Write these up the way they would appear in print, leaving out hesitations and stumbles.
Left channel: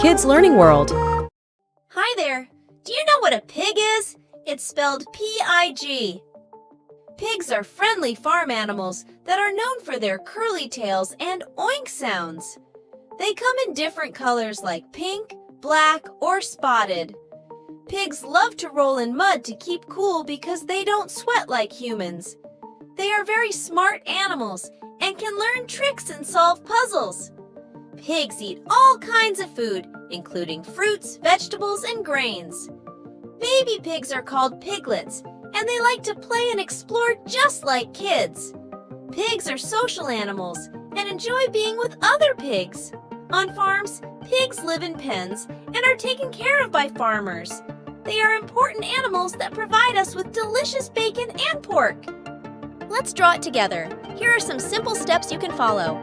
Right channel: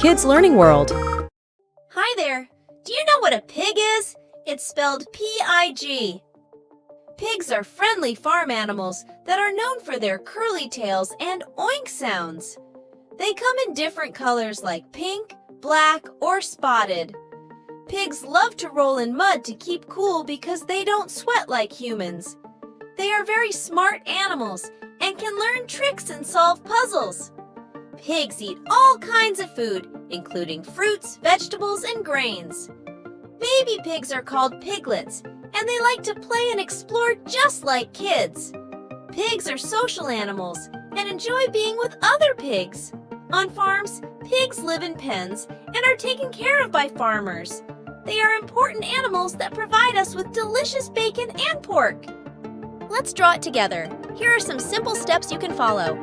Kids Learning World. Hi there! Do you know what a pig is? It's spelled P-I-G. Pigs are friendly farm animals that are known for their curly tails and oink sounds. They come in different colors like pink, black, or spotted. Pigs love to roll in mud to keep cool because they don't sweat like humans. They are very smart animals and can learn tricks and solve puzzles. Pigs eat all kinds of food, including fruits, vegetables, and grains. Baby pigs are called piglets, and they like to play and explore just like kids. Pigs are social animals and enjoy being with other pigs. On farms, pigs live in pens and are taken care of by farmers. They are important animals that provide us with delicious bacon and pork. Let's draw it together. Here are some simple steps you can follow.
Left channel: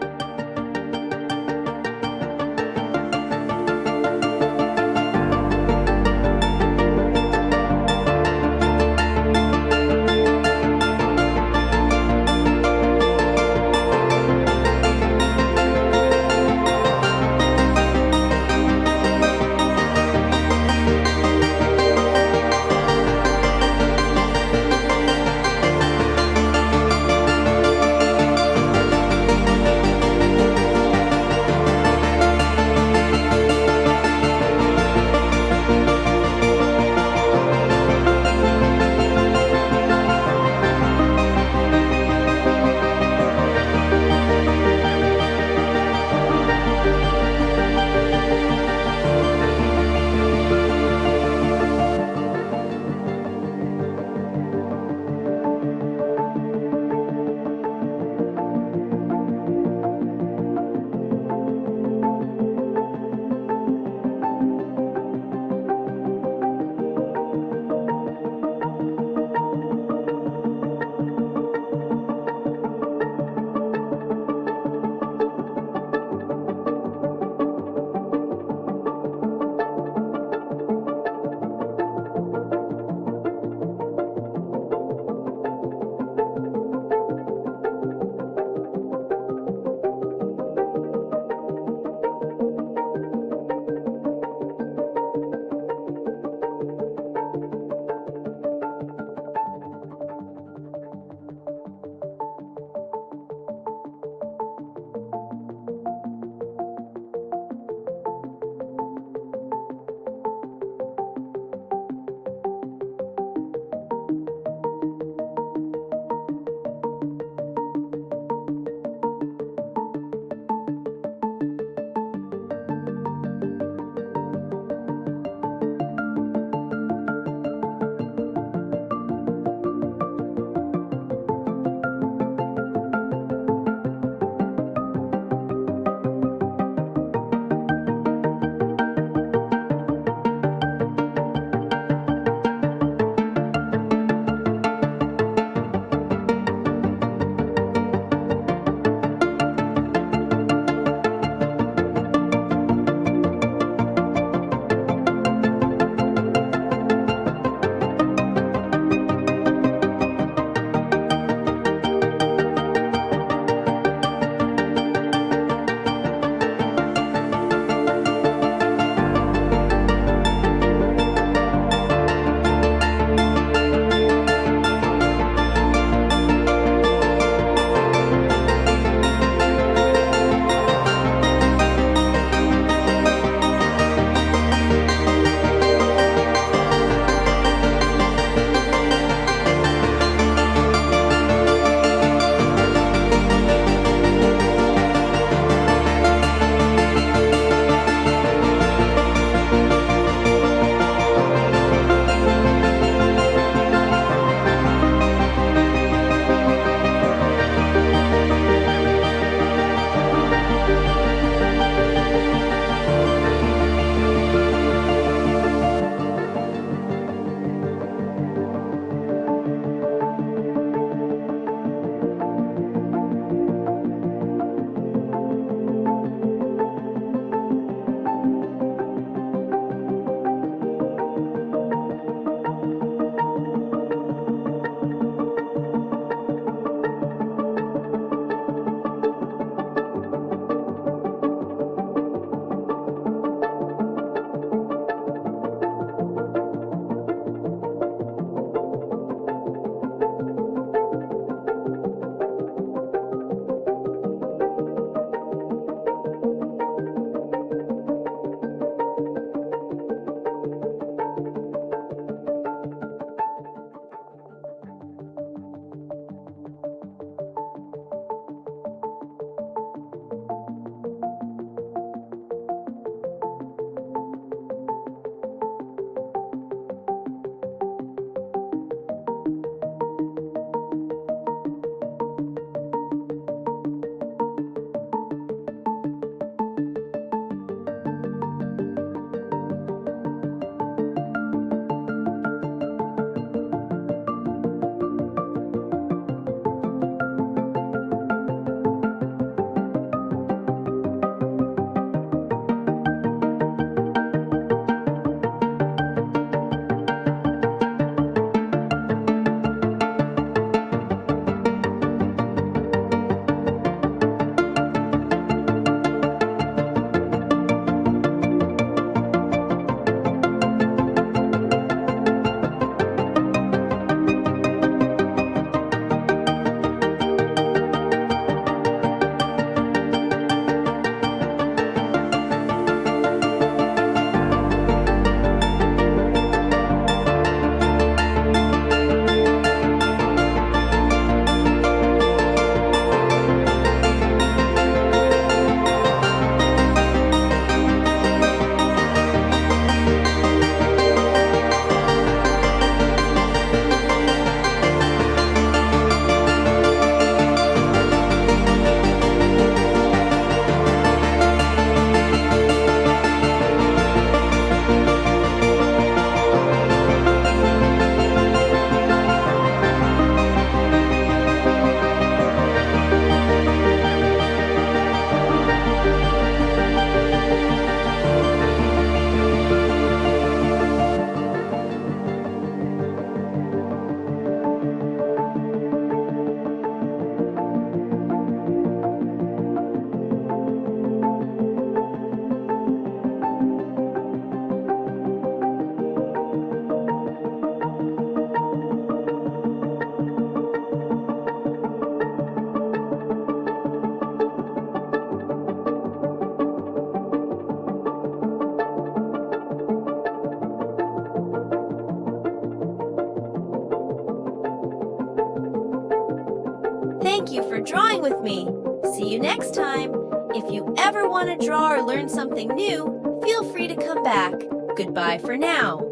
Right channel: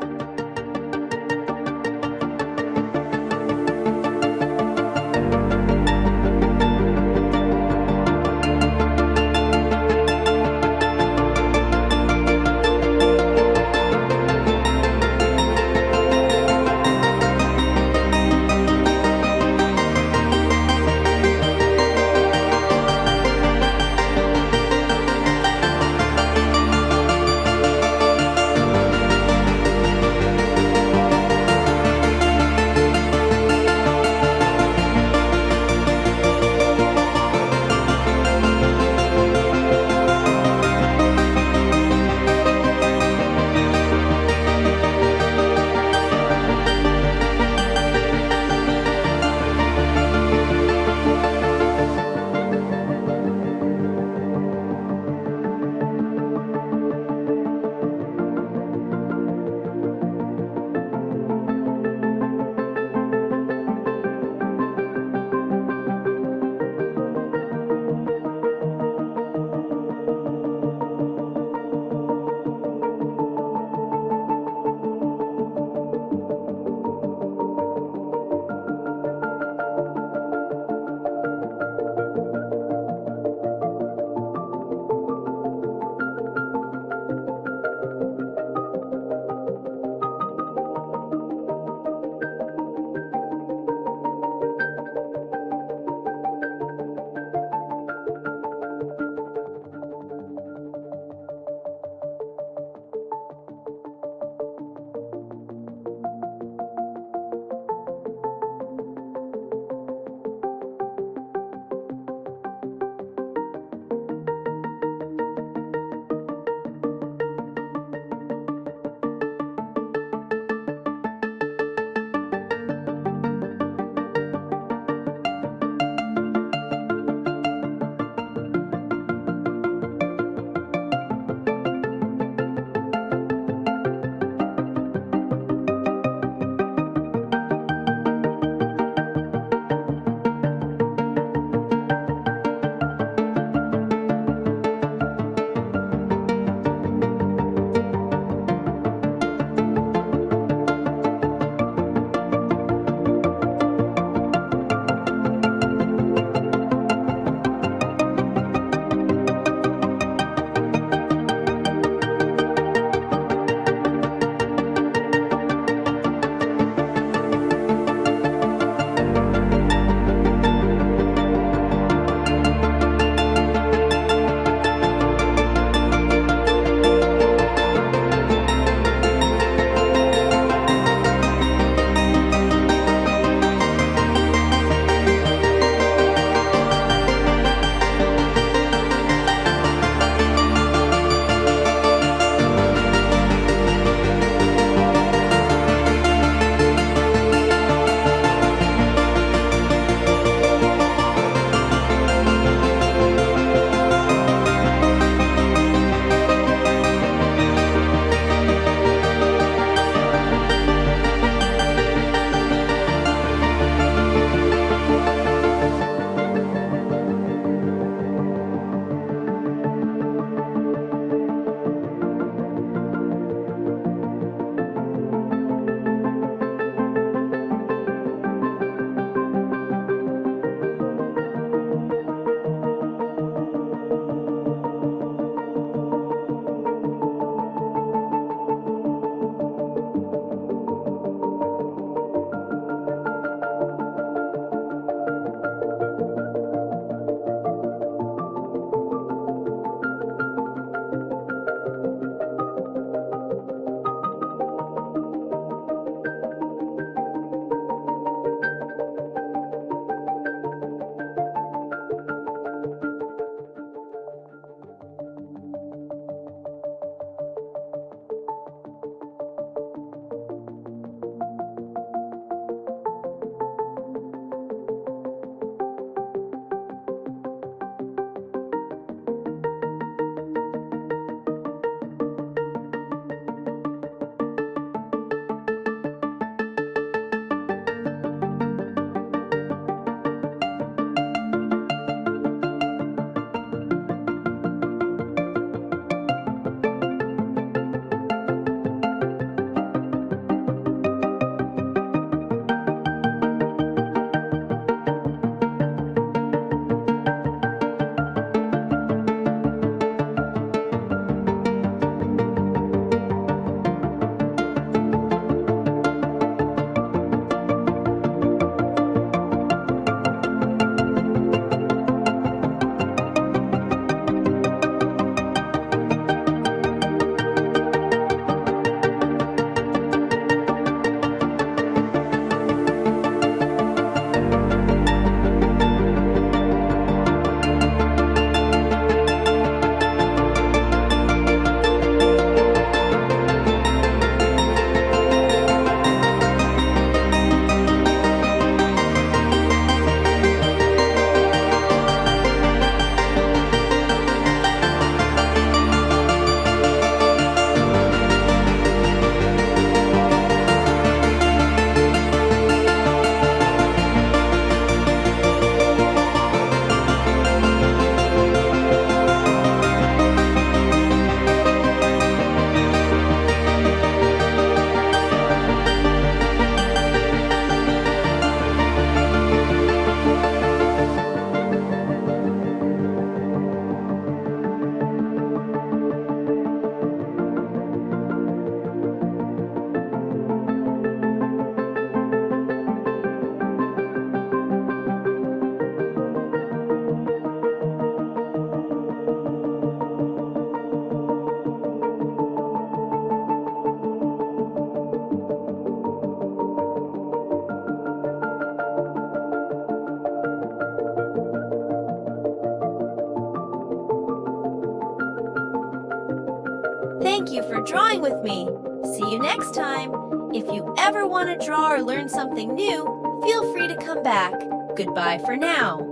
thank you for drawing with me. See you next time. If you ever want to draw or learn something new, feel free to come back. Goodbye for now.